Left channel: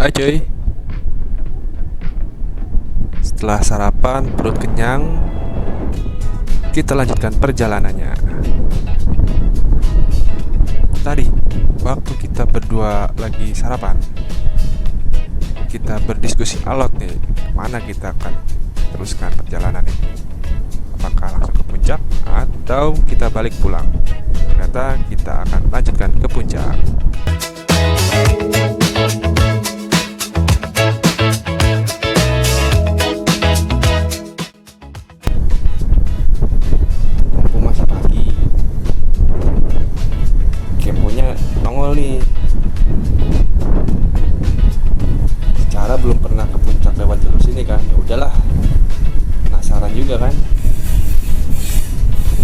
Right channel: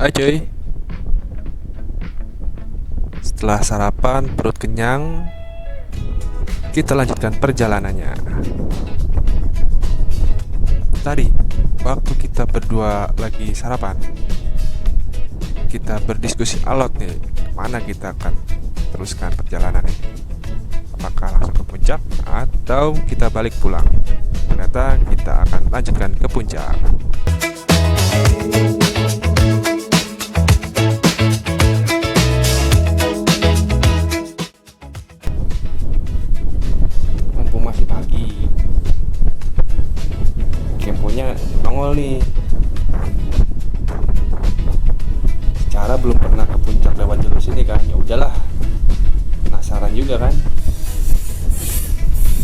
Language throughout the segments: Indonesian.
Hai cuy, setelah sarapan perut kenyang, kita lanjutkan perjalanannya. Tadi, waktu kita berdua lagi sarapan, kita berdiskusi alot nih, mana kita akan teruskan perjalanan ini. Apakah langsung ke puncak atau kita balik pulang? Ternyata kita akan lanjutkan ke puncak. Mumpung masih pagi, kemponya nongol nih. Secara belum pernah ke puncak lewat jalur sini kan, ya udahlah. Penasaran juga kan,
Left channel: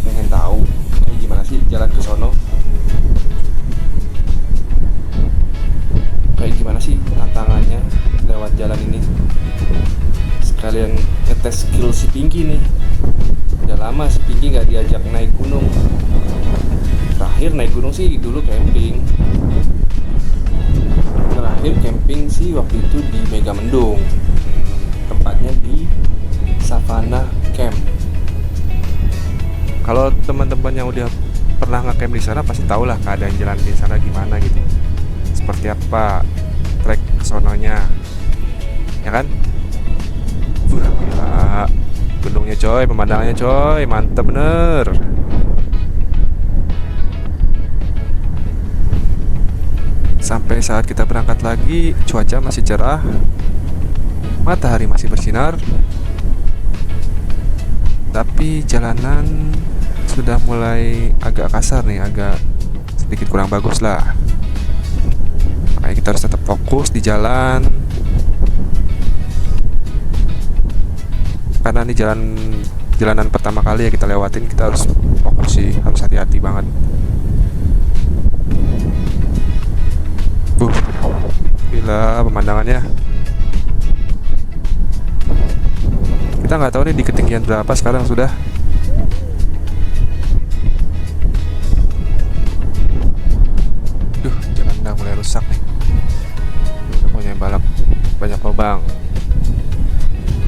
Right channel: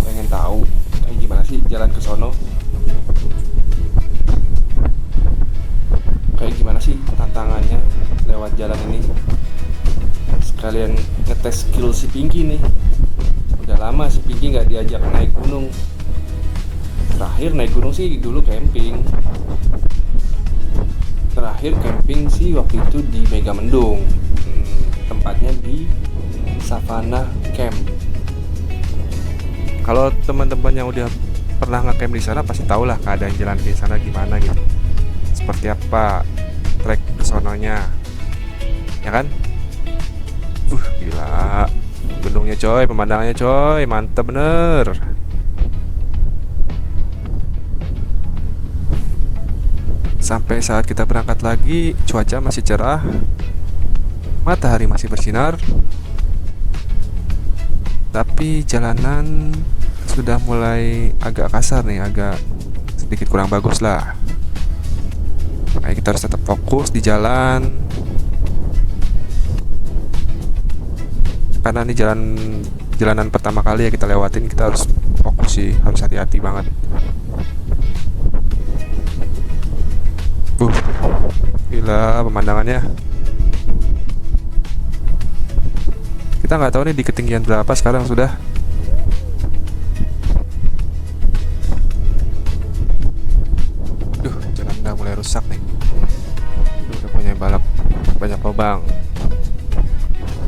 pengen tahu kayak gimana sih jalan ke sono, kayak gimana sih tantangannya lewat jalan ini. Sekalian ngetes skill si Pinky nih. Udah lama si Pinky nggak diajak naik gunung. Terakhir naik gunung sih dulu camping. Terakhir camping sih waktu itu di Megamendung. Tempatnya di Savannah Camp. Kalau teman-teman yang udah pernah nge-camp di sana pasti tau lah keadaan jalan di sana gimana gitu. Seperti apa trek kesononya, ya kan? Gila, gunungnya coy, pemandangannya coy, mantep bener. Sampai saat kita berangkat lagi, cuaca masih cerah, matahari masih bersinar, tapi jalanan sudah mulai agak kasar nih, agak sedikit kurang bagus lah. Makanya kita harus tetap fokus di jalan, karena ini jalanan pertama kali ya kita lewatin. Kita harus fokus sih, harus hati-hati banget. uh Gila pemandangannya. Kita nggak tahu nih di ketinggian berapa sekarang sudah. Jalan udah mulai rusak nih. Udah punya balap banyak lubang.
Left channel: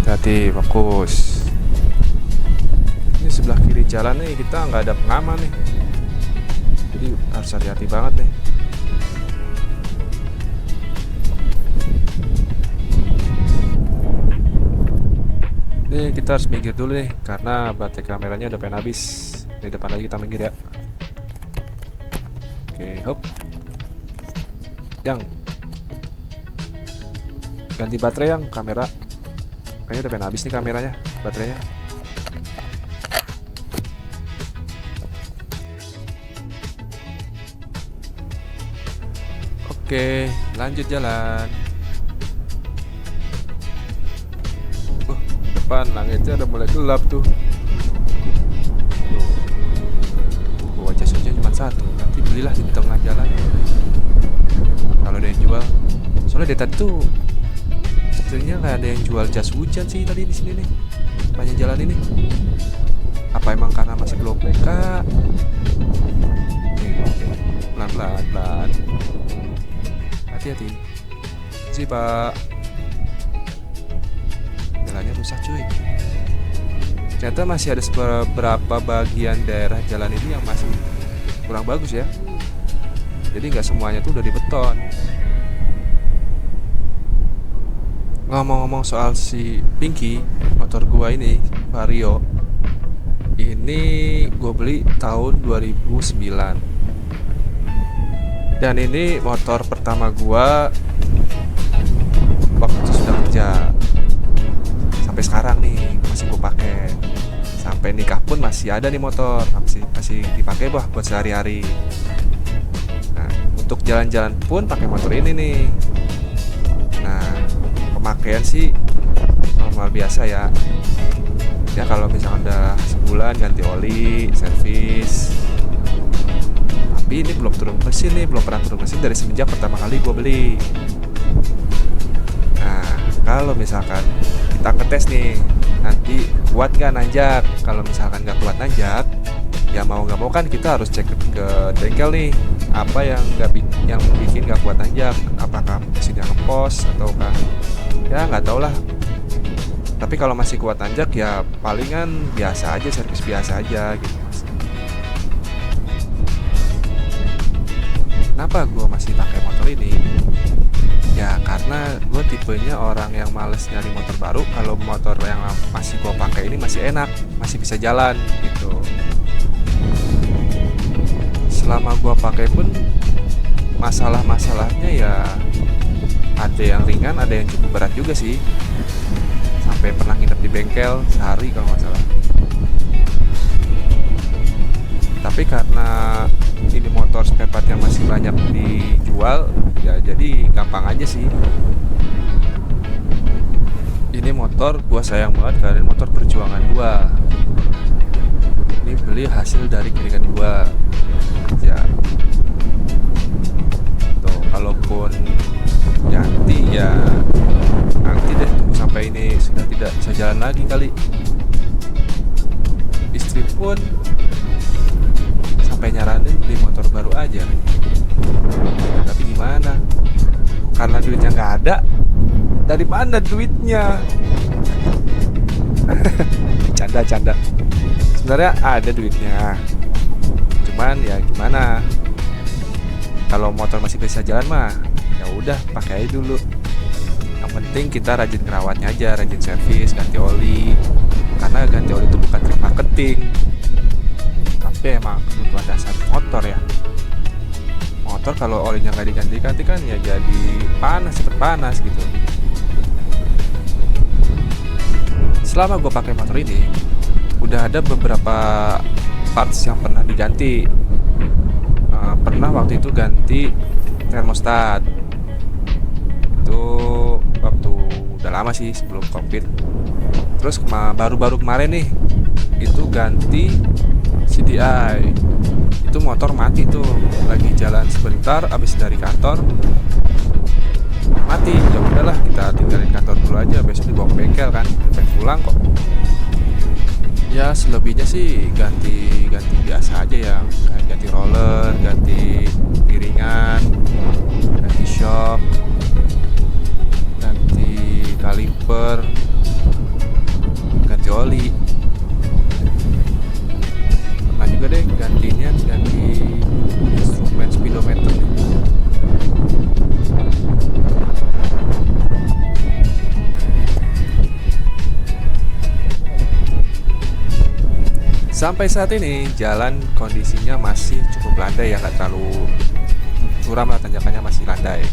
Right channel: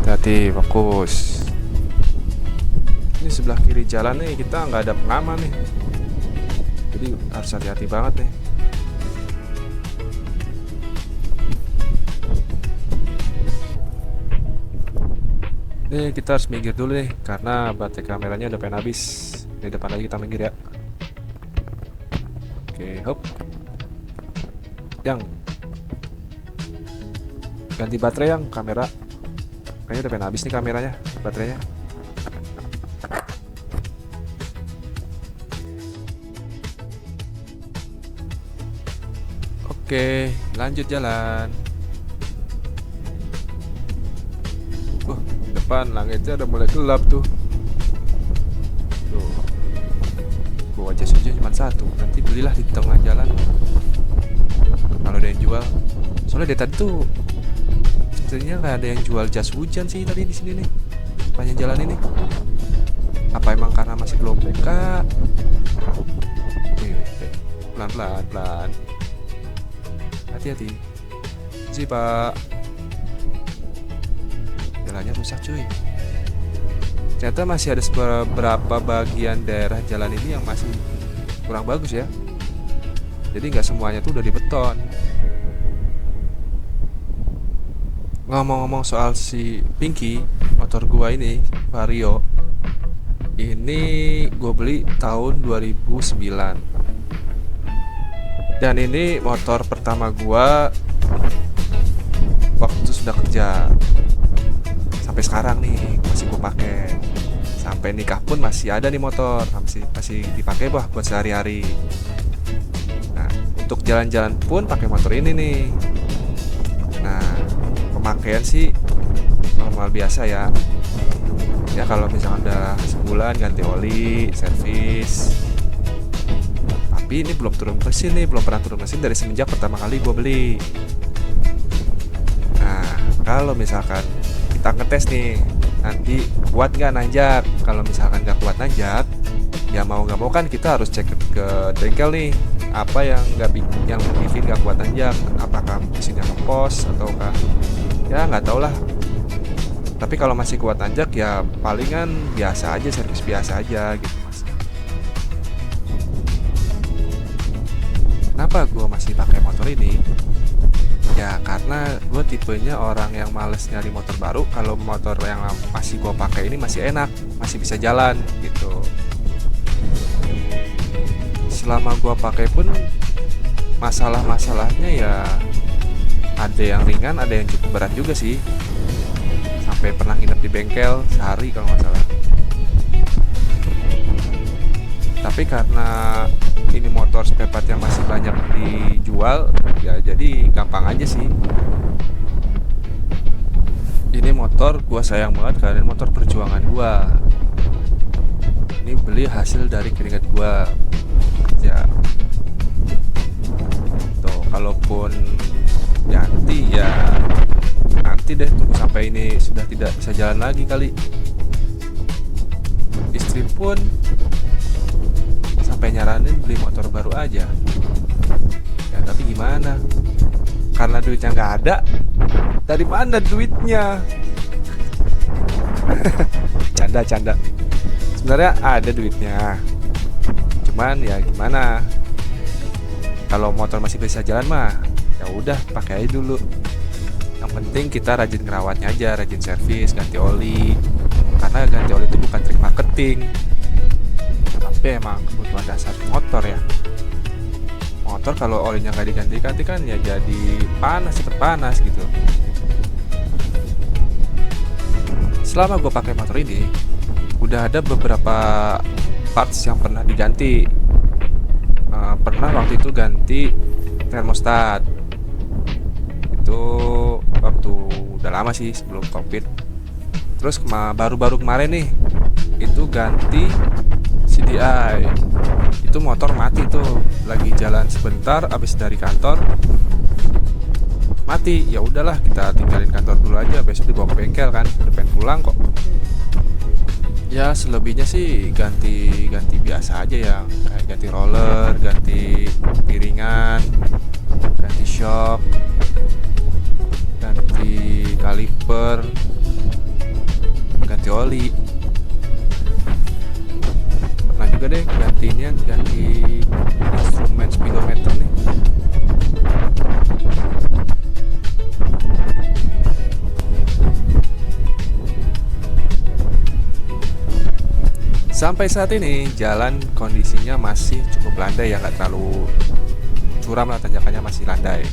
Hati-hati, fokus. Ini sebelah kiri jalan nih kita nggak ada pengaman nih, jadi harus hati-hati banget nih. Nih kita harus minggir dulu nih karena baterai kameranya udah pengen habis. Di depan lagi kita minggir ya. Oke, hop. Yang ganti baterai, yang kamera kayaknya udah pengen habis nih kameranya, baterainya. Oke, lanjut jalan. Di depan langitnya udah mulai gelap tuh. Tuh, bawa jas hujan cuma satu. Nanti belilah di tengah jalan kalau ada yang jual. Soalnya dari tadi tuh sebenarnya nggak ada yang jual jas hujan sih tadi di sini nih, sepanjang jalan ini. Apa emang karena masih belum buka? Nih, pelan-pelan, pelan. Hati-hati. Sih pak, jalannya rusak cuy. Ternyata masih ada beberapa bagian daerah jalan ini yang masih kurang bagus ya. Jadi nggak semuanya tuh udah dibeton. Ngomong-ngomong soal si Pinky, motor gua ini Vario, ini gue beli tahun 2009. Dan ini motor pertama gua waktu sudah kerja. Sampai sekarang nih masih gue pakai. Sampai nikah pun masih ada nih motor, masih dipakai buat sehari-hari. Nah, untuk jalan-jalan pun pakai motor ini nih. Nah, pemakaian sih normal biasa ya. Ya kalau misalkan udah sebulan ganti oli, servis. Tapi ini belum turun mesin nih, belum pernah turun mesin dari semenjak pertama kali gue beli. Nah, kalau misalkan kita ngetes nih, nanti kuat nggak nanjak. Kalau misalkan nggak kuat nanjak, ya mau nggak mau kan kita harus cek ke bengkel nih. apa yang yang bikin nggak kuat nanjak, apakah mesinnya ngepos ataukah ya nggak tau lah. Tapi kalau masih kuat nanjak ya palingan biasa aja, servis biasa aja gitu mas. Kenapa gue masih pakai motor ini? Ya karena gue tipenya orang yang males nyari motor baru. Kalau motor yang masih gue pakai ini masih enak, masih bisa jalan gitu. Selama gue pakai pun masalah-masalahnya ya ada yang ringan, ada yang cukup berat juga sih. Sampai pernah nginep di bengkel sehari kalau nggak salah. Tapi karena ini motor spare part yang masih banyak dijual, ya jadi gampang aja sih. Ini motor gua sayang banget karena ini motor perjuangan gua. Ini beli hasil dari keringat gua kerja. Tuh, kalaupun ganti ya nanti deh, tunggu sampai ini sudah tidak bisa jalan lagi kali. Istri pun sampai nyaranin beli motor baru aja ya, tapi gimana, karena duitnya nggak ada. Dari mana duitnya? Canda. Sebenarnya ada duitnya, cuman ya gimana, kalau motor masih bisa jalan mah ya udah pakai aja dulu. Yang penting kita rajin ngerawatnya aja, rajin servis, ganti oli. Karena ganti oli itu bukan trik marketing, tapi emang kebutuhan dasar motor ya. Motor kalau olinya nggak diganti-ganti kan ya jadi panas, cepet panas gitu. Selama gue pakai motor ini, udah ada beberapa parts yang pernah diganti. Pernah waktu itu ganti termostat. Itu waktu udah lama sih, sebelum covid. Terus baru-baru kemarin nih itu ganti CDI. Itu motor mati tuh, lagi jalan sebentar abis dari kantor mati. Ya udahlah, kita tinggalin kantor dulu aja, besok dibawa ke bengkel kan, udah pengen pulang kok. Ya selebihnya sih ganti biasa aja, yang kayak ganti roller, ganti piringan, ganti shock, ganti kaliper, ganti oli. Pernah juga deh ganti instrumen speedometer nih. Sampai saat ini jalan kondisinya masih cukup landai ya, nggak terlalu curam lah, tanjakannya masih landai.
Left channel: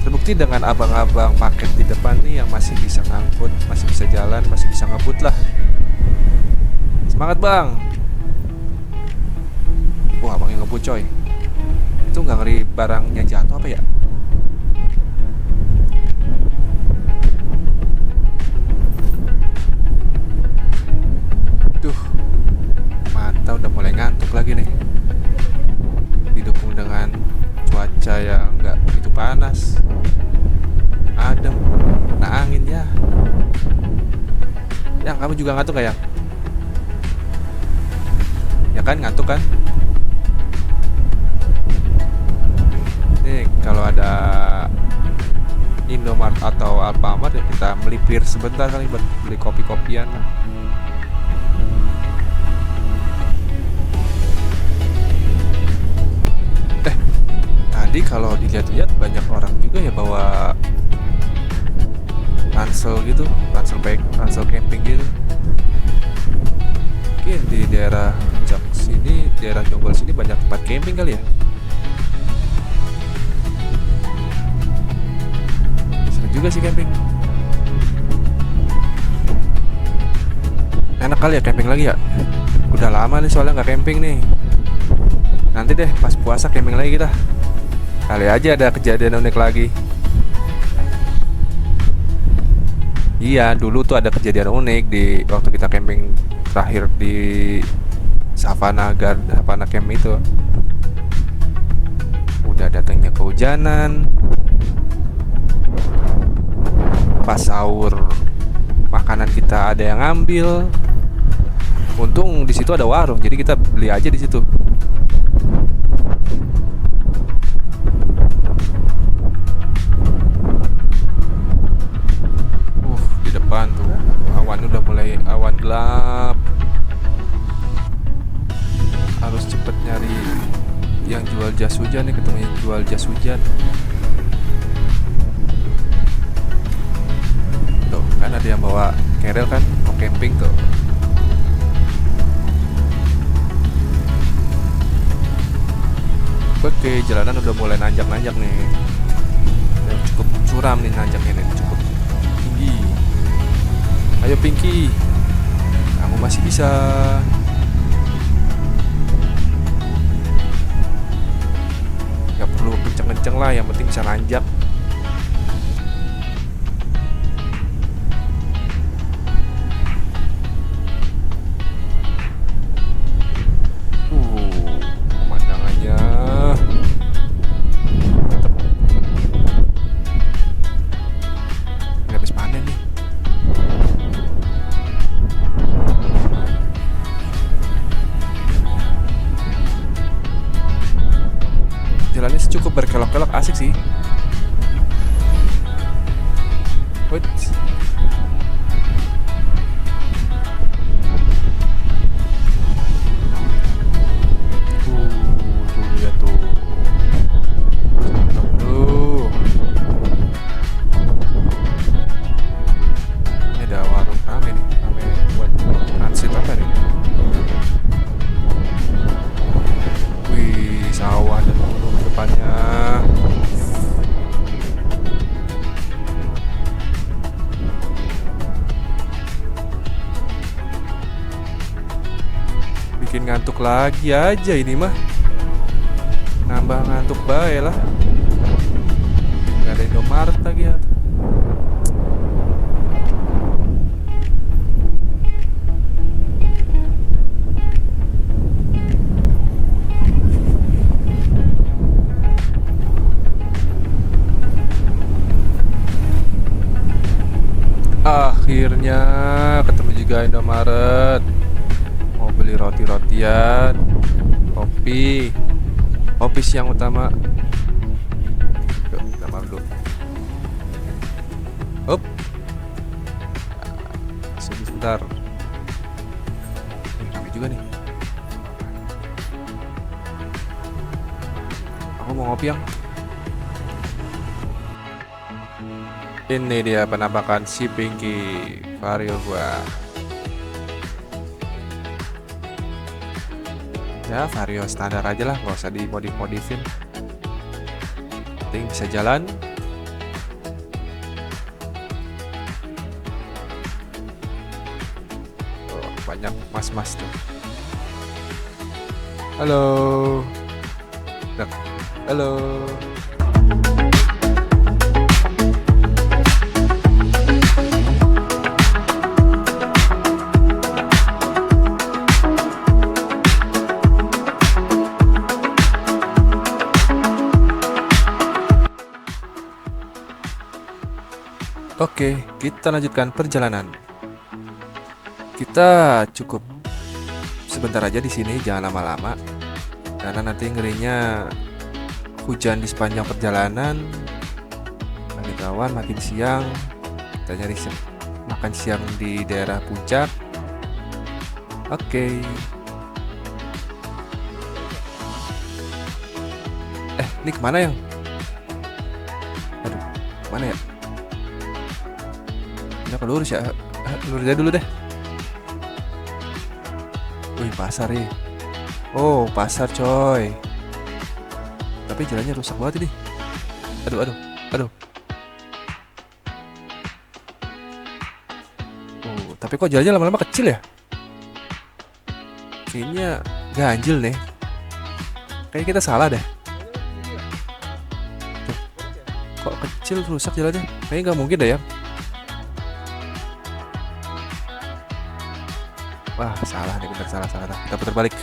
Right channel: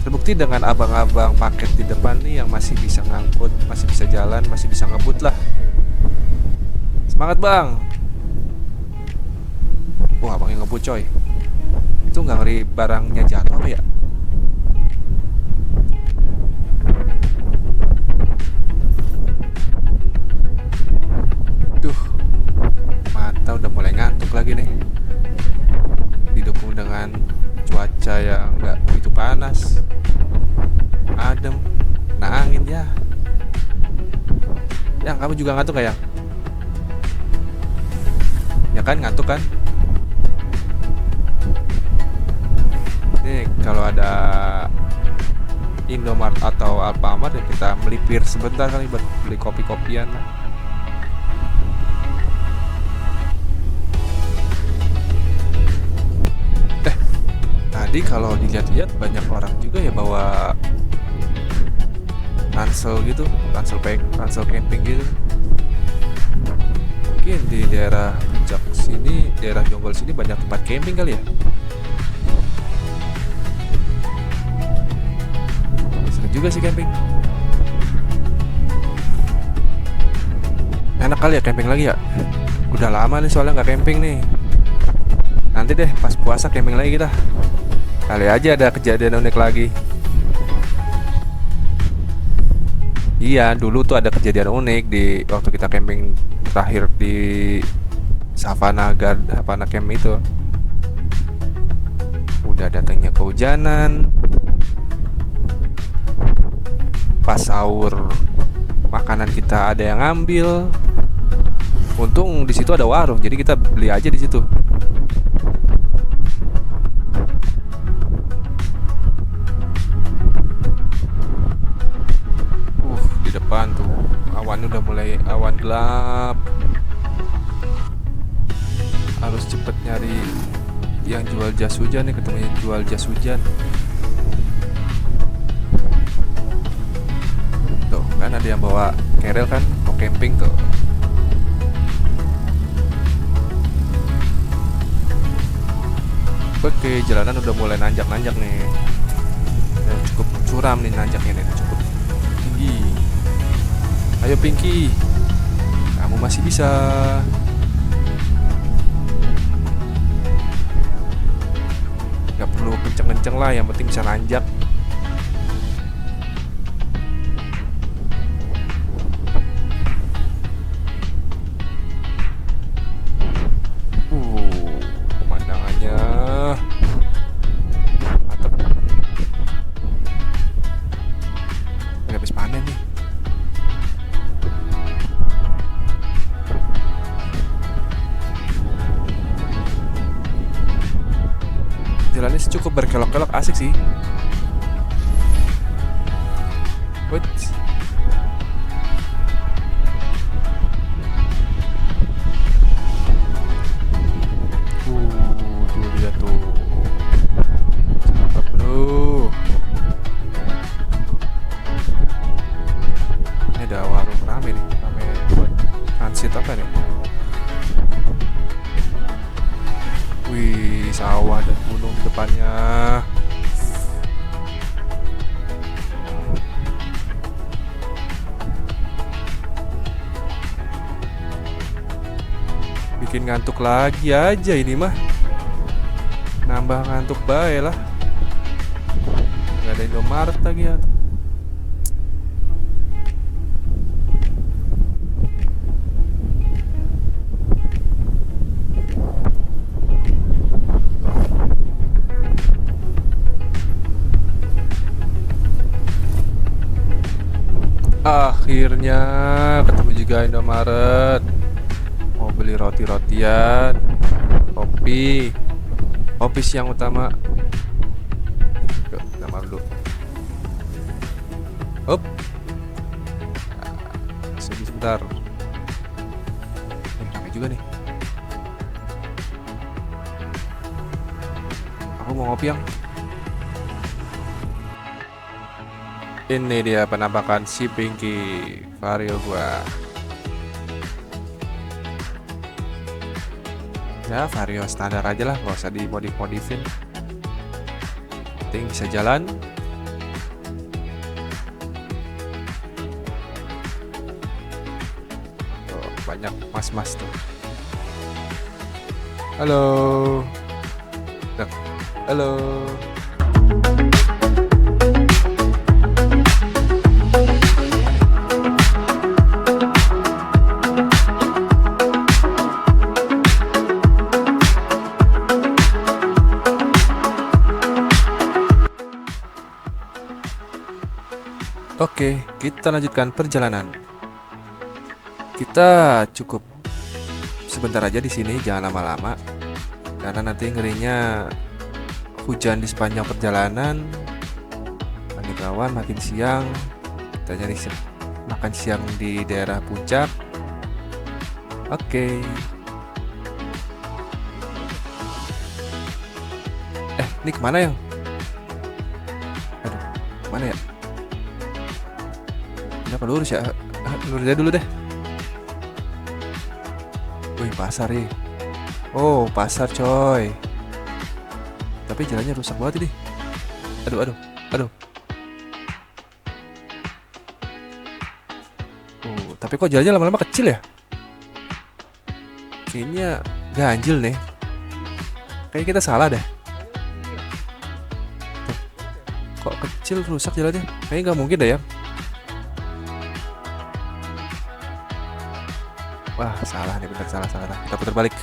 Terbukti dengan abang-abang paket di depan nih yang masih bisa ngangkut, masih bisa jalan, masih bisa ngebut lah. Semangat bang. Wah abangnya ngebut coy. Itu nggak ngeri barangnya jatuh apa ya? Duh, mata udah mulai ngantuk lagi nih. Didukung dengan cuaca yang nggak begitu panas, adem, nah angin ya. Yang kamu juga ngantuk gak ya? Ya kan ngantuk kan? Nih kalau ada Indomaret atau Alfamart ya kita melipir sebentar kali buat beli kopi-kopian lah. Tadi kalau dilihat-lihat banyak orang juga ya bawa ransel gitu, ransel camping gitu. Mungkin di daerah Puncak sini, daerah Jonggol sini banyak tempat camping kali ya. Seru juga sih camping. Enak kali ya camping lagi ya. Udah lama nih soalnya nggak camping nih. Nanti deh pas puasa camping lagi kita. Kali aja ada kejadian unik lagi. Iya, dulu tuh ada kejadian unik di waktu kita camping terakhir di Savana Camp itu. Udah datangnya kehujanan. Pas sahur makanan kita ada yang ngambil. Untung di situ ada warung, jadi kita beli aja di situ. awan gelap. Harus cepet nyari yang jual jas hujan nih, ketemu yang jual jas hujan. Tuh kan ada yang bawa kerel kan, mau camping tuh. Oke, jalanan udah mulai nanjak-nanjak nih. Udah cukup curam nih nanjaknya nih, cukup tinggi. Ayo Pinky, kamu masih bisa. Gak perlu kenceng-kenceng lah, yang penting bisa nanjak. Pemandangannya mantep. Ini habis panen nih. Jalannya sih cukup berkelok-kelok, asik sih. Wait. Tuh lihat tuh. Cakep bro. Ini ada warung rame nih, rame buat transit apa nih? Wih, sawah dan gunung di depannya. Bikin ngantuk lagi aja ini mah. Nambah ngantuk bae lah. Gak ada Indomaret lagi ya. Akhirnya ketemu juga Indomaret. Mau beli roti-rotian, kopi siang utama. Yuk, kita makan dulu. Up. Sebentar. Ramai juga nih. Aku mau ngopi yang. Ini dia penampakan si Pinky Vario gua. Ya Vario standar aja lah, gak usah dimodif-modifin. Penting bisa jalan. Oh, banyak mas-mas tuh. Halo. Halo. Oke, kita lanjutkan perjalanan. Kita cukup sebentar aja di sini, jangan lama-lama. Karena nanti ngerinya hujan di sepanjang perjalanan. Langit awan, makin siang. Kita nyari makan siang di daerah puncak. Oke. Ini kemana yang? Aduh, kemana ya? Ini apa lurus ya? Lurus aja dulu deh. Wih, pasar ya. Oh, pasar coy. Tapi jalannya rusak banget ini. Aduh. Oh, tapi kok jalannya lama-lama kecil ya? Kayaknya ganjil nih. Kayaknya kita salah deh. Tuh. Kok kecil rusak jalannya? Kayaknya nggak mungkin deh ya. Wah, salah nih, bener salah. Kita putar balik.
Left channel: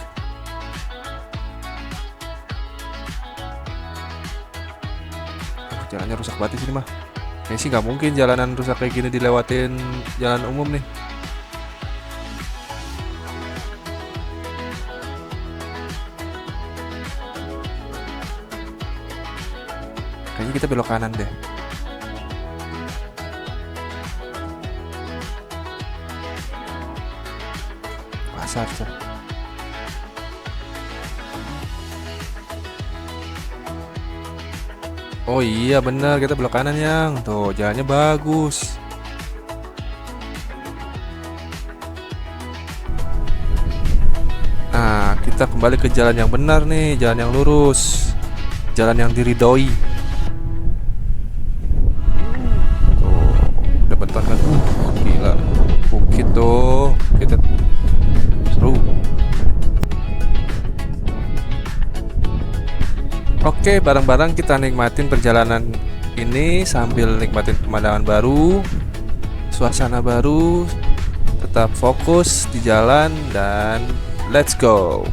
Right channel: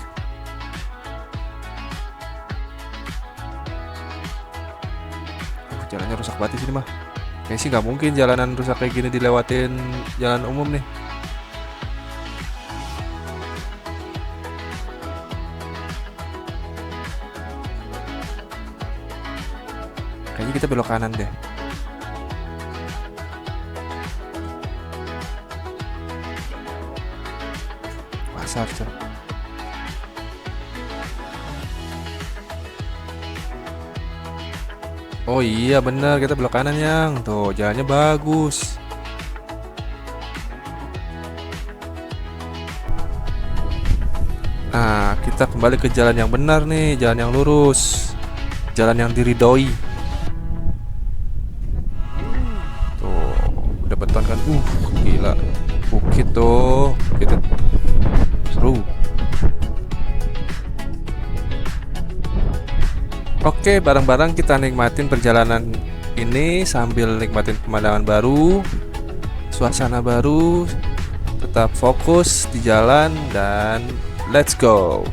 Jalannya rusak banget di sini mah. Kayaknya sih nggak mungkin jalanan rusak kayak gini dilewatin jalan umum nih. Kayaknya kita belok kanan deh. besar tuh. Oh iya bener, kita belok kanan yang. Tuh jalannya bagus. Nah, kita kembali ke jalan yang benar nih, jalan yang lurus, jalan yang diridhoi. Tuh, udah beton kan? Gila. Bukit tuh, kita seru. Oke, bareng-bareng kita nikmatin perjalanan ini sambil nikmatin pemandangan baru, suasana baru, tetap fokus di jalan dan let's go.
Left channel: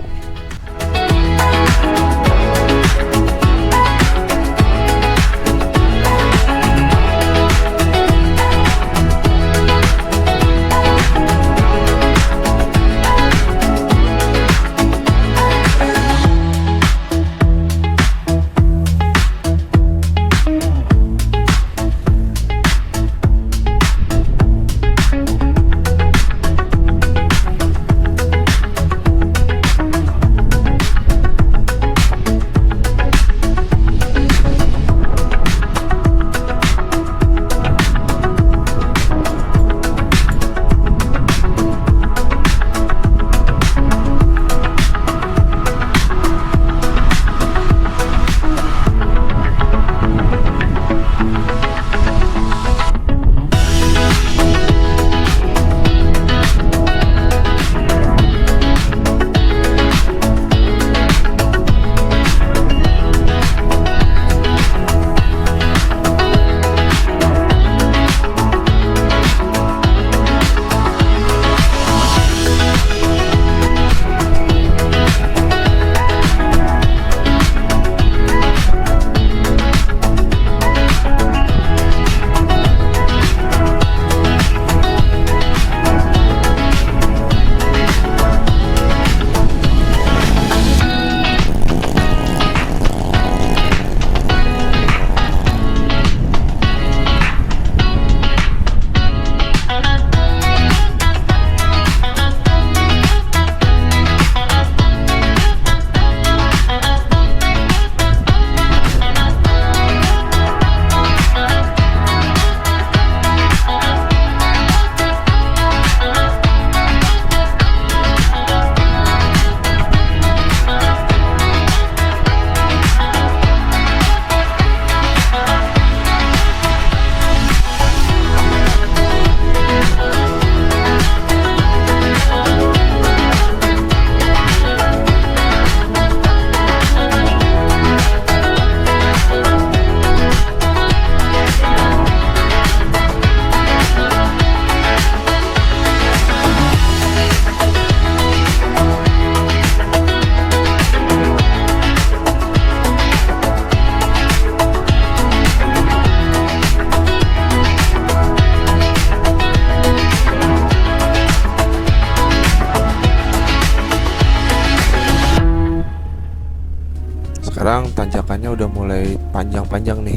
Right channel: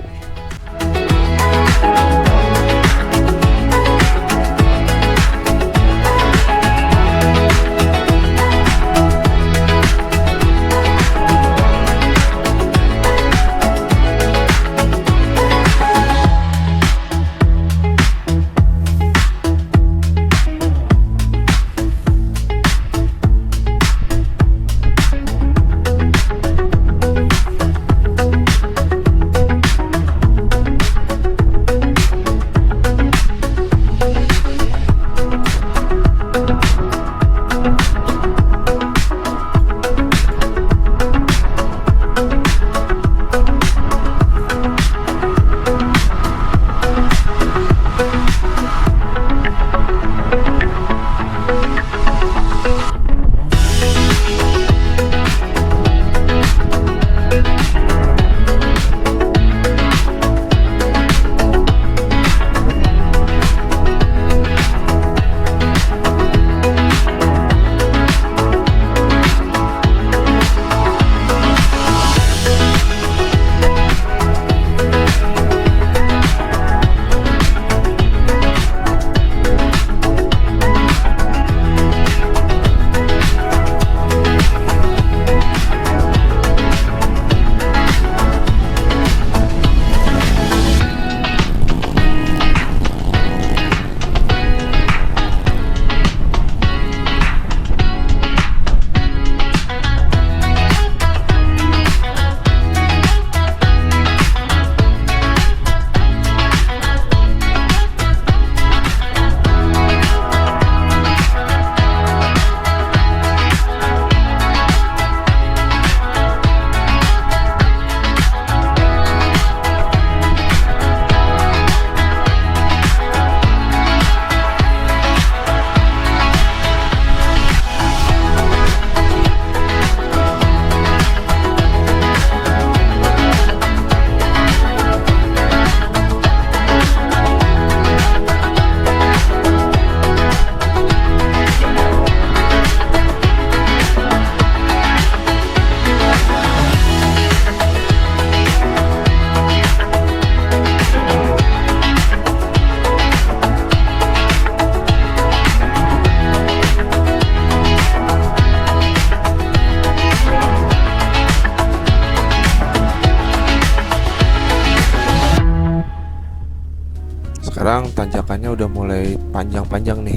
Sekarang tanjakannya udah mulai panjang-panjang nih.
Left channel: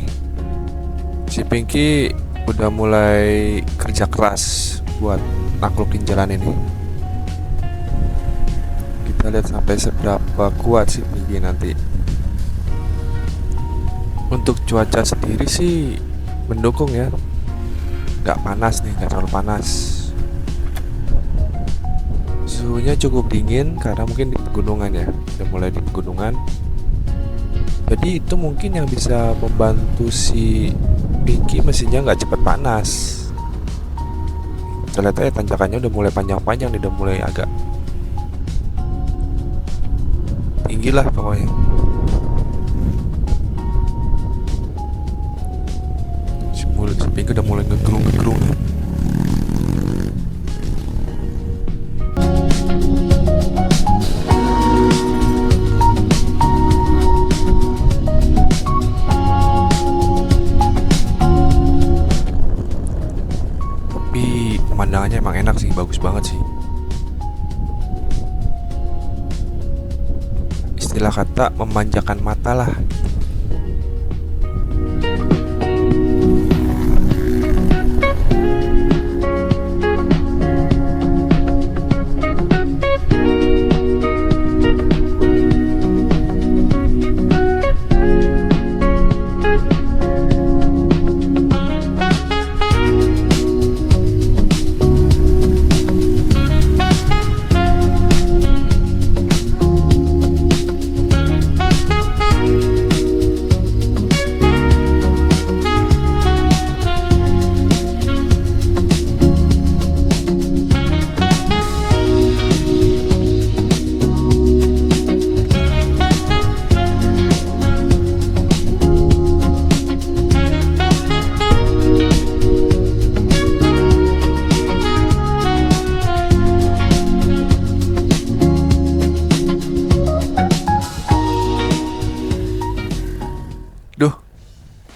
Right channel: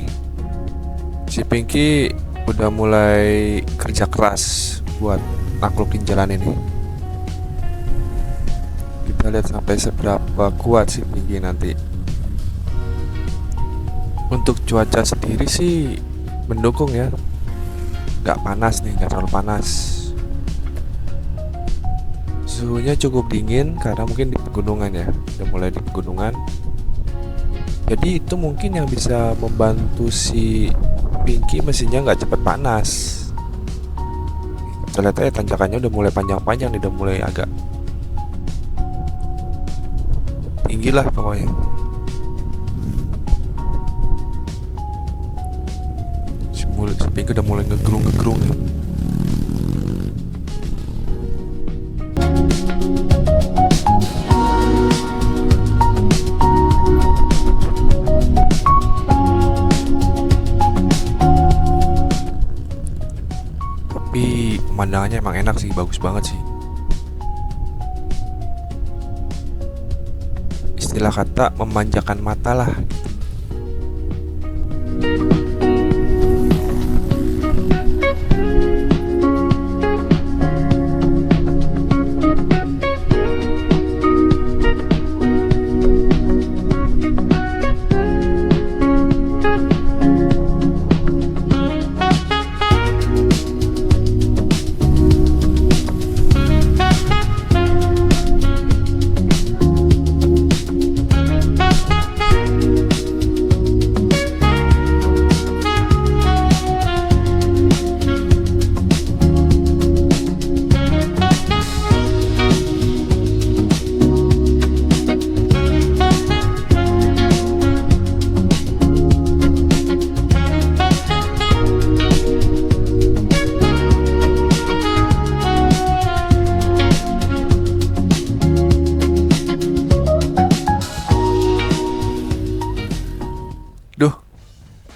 Si Pinky udah mulai kerja keras buat naklukin jalan ini. Kita lihat sampai seberapa kuat si Pinky nanti. Untuk cuaca sendiri sih mendukung ya. Gak panas nih, gak terlalu panas. Suhunya cukup dingin karena mungkin di pegunungan ya. Udah mulai di pegunungan. Jadi itu mungkin yang bisa membantu si Pinky mesinnya nggak cepat panas. Kita lihat aja tanjakannya udah mulai panjang-panjang nih, udah mulai agak tinggi lah pokoknya. Si Pinky udah mulai ngegerung-ngegerung nih. Tapi pemandangannya emang enak sih, bagus banget sih. Istilah kata memanjakan mata lah.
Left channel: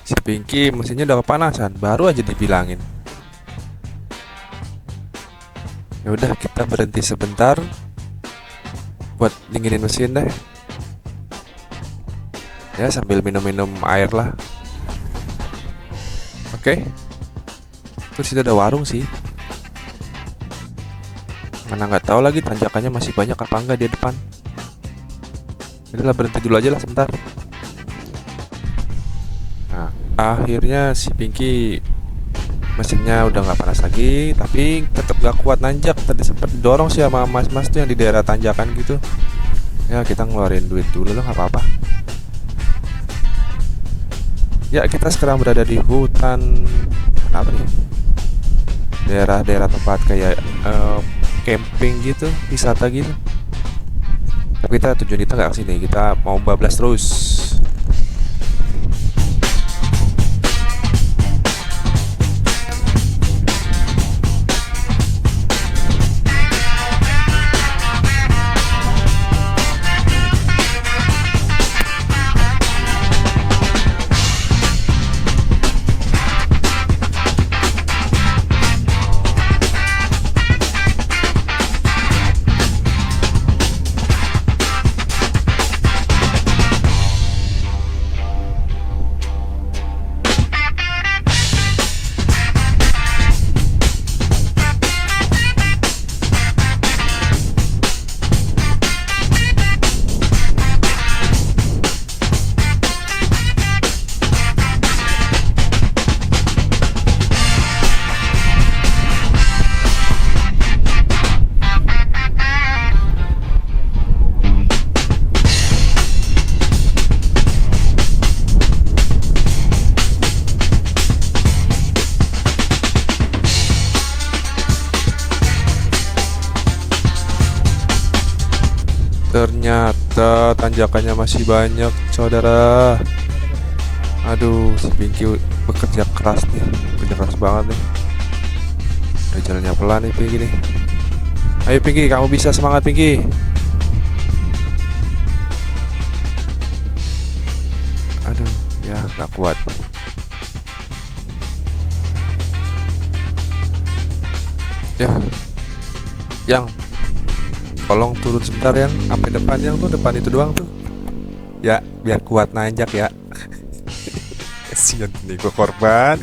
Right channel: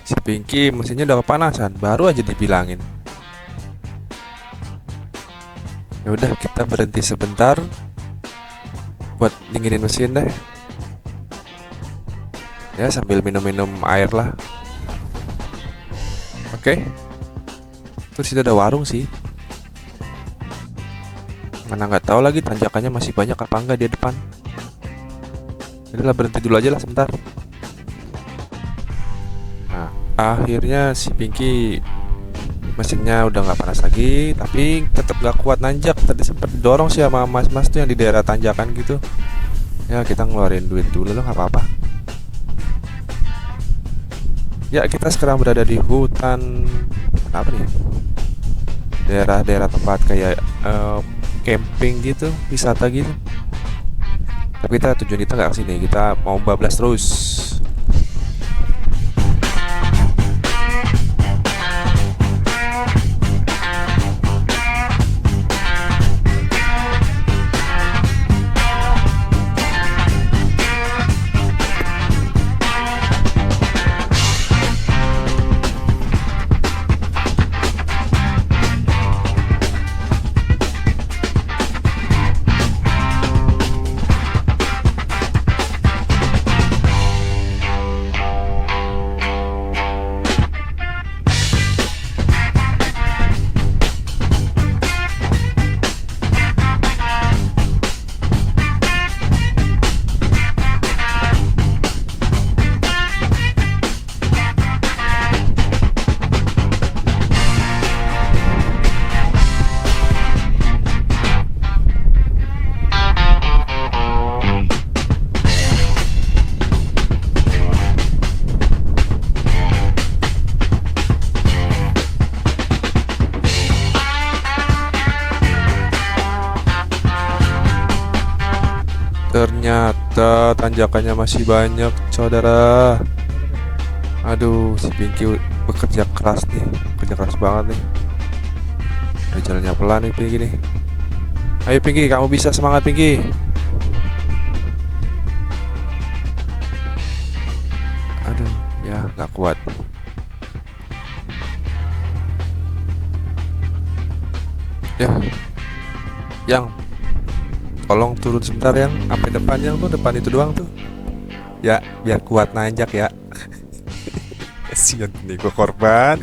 Si Pinky mesinnya udah kepanasan, baru aja dibilangin. Ya udah, kita berhenti sebentar buat dinginin mesin deh. Ya sambil minum-minum air lah. Oke. Terus itu ada warung sih. Mana nggak tahu lagi tanjakannya masih banyak apa enggak di depan. Udahlah, berhenti dulu aja lah sebentar. Nah, akhirnya si Pinky mesinnya udah nggak panas lagi, tapi tetap nggak kuat nanjak. Tadi sempat didorong sih sama mas-mas tuh yang di daerah tanjakan gitu. Ya kita ngeluarin duit dulu lah, nggak apa-apa. Ya kita sekarang berada di hutan apa nih? Daerah-daerah tempat kayak camping gitu, wisata gitu. Tapi tujuan kita nggak kesini, kita mau bablas terus. Ternyata tanjakannya masih banyak, saudara. Aduh, si Pinky bekerja keras nih, bekerja keras banget nih. Udah jalannya pelan nih Pinky nih. Ayo Pinky, kamu bisa, semangat Pinky. Aduh, ya nggak kuat. Ya, yang tolong turun sebentar yang sampai depan, yang tuh depan itu doang tuh. Ya, biar kuat nanjak ya. Kasian nih gue, korban.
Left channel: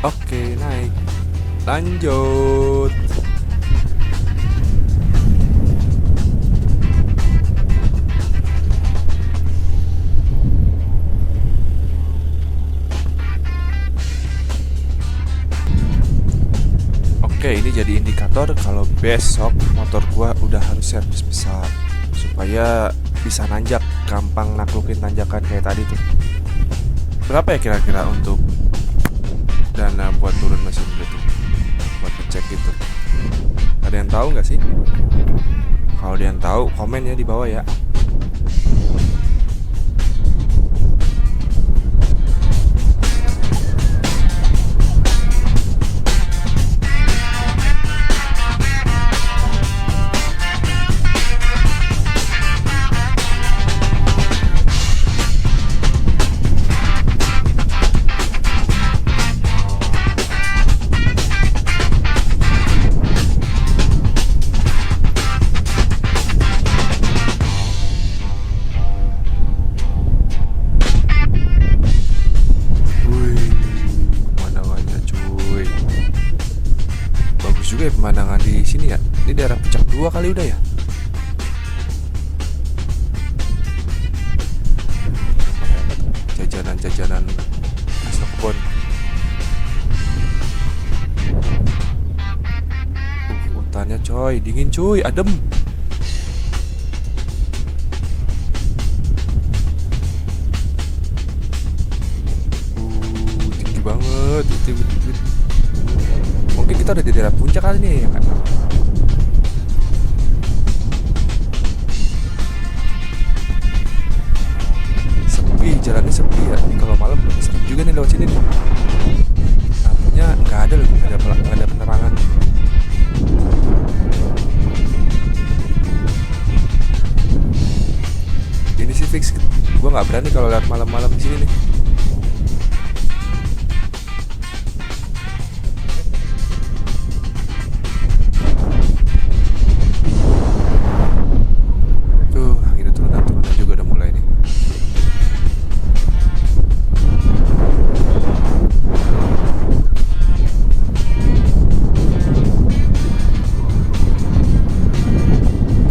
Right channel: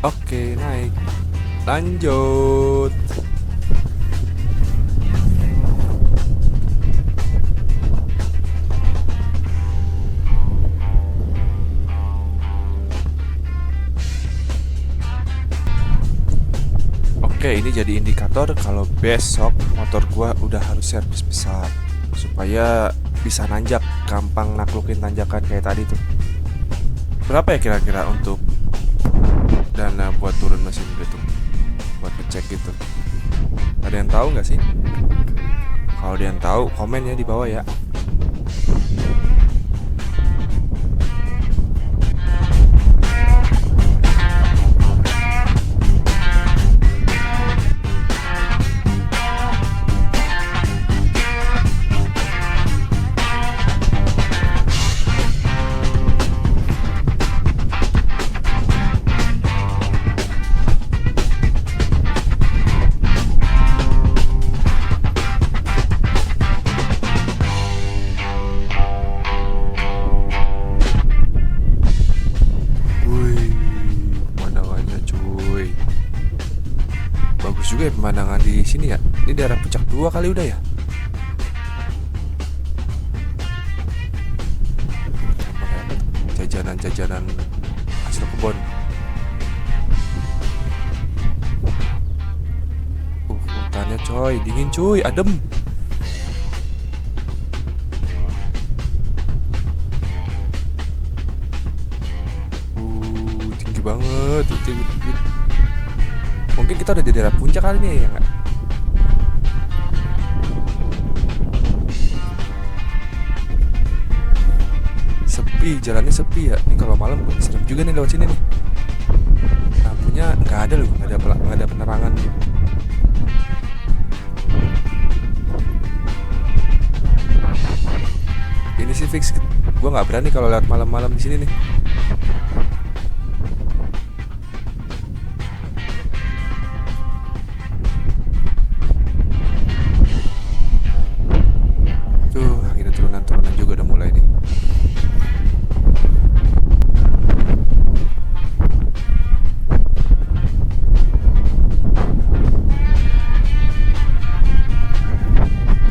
Oke, naik. Lanjut. Oke, ini jadi indikator kalau besok motor gua udah harus servis besar supaya bisa nanjak, gampang naklukin tanjakan kayak tadi tuh. Berapa ya kira-kira untuk dana buat turun mesin gitu, buat ngecek gitu? Ada yang tahu nggak sih? Kalau ada yang tahu, komen ya di bawah ya. juga ya pemandangan di sini ya. Ini daerah Puncak 2 kali udah ya. Namanya apa tuh? Jajanan-jajanan hasil kebun. Hutannya coy, dingin cuy, adem. Tinggi banget. Mungkin kita udah di daerah puncak kali nih ya nggak? Sepi, jalannya sepi ya. Ini kalau malam serem juga nih lewat sini nih. Lampunya nggak ada loh, nggak ada penerangan. Ini sih fix, gue nggak berani kalau lewat malam-malam di sini nih. Tuh, akhirnya turunan-turunan juga udah mulai nih.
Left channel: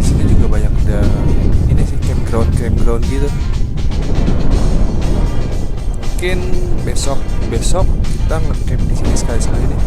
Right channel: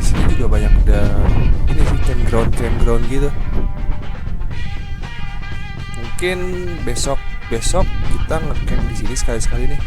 Di sini juga banyak udah ini sih campground gitu. Mungkin besok kita ngecamp di sini sekali-sekali nih.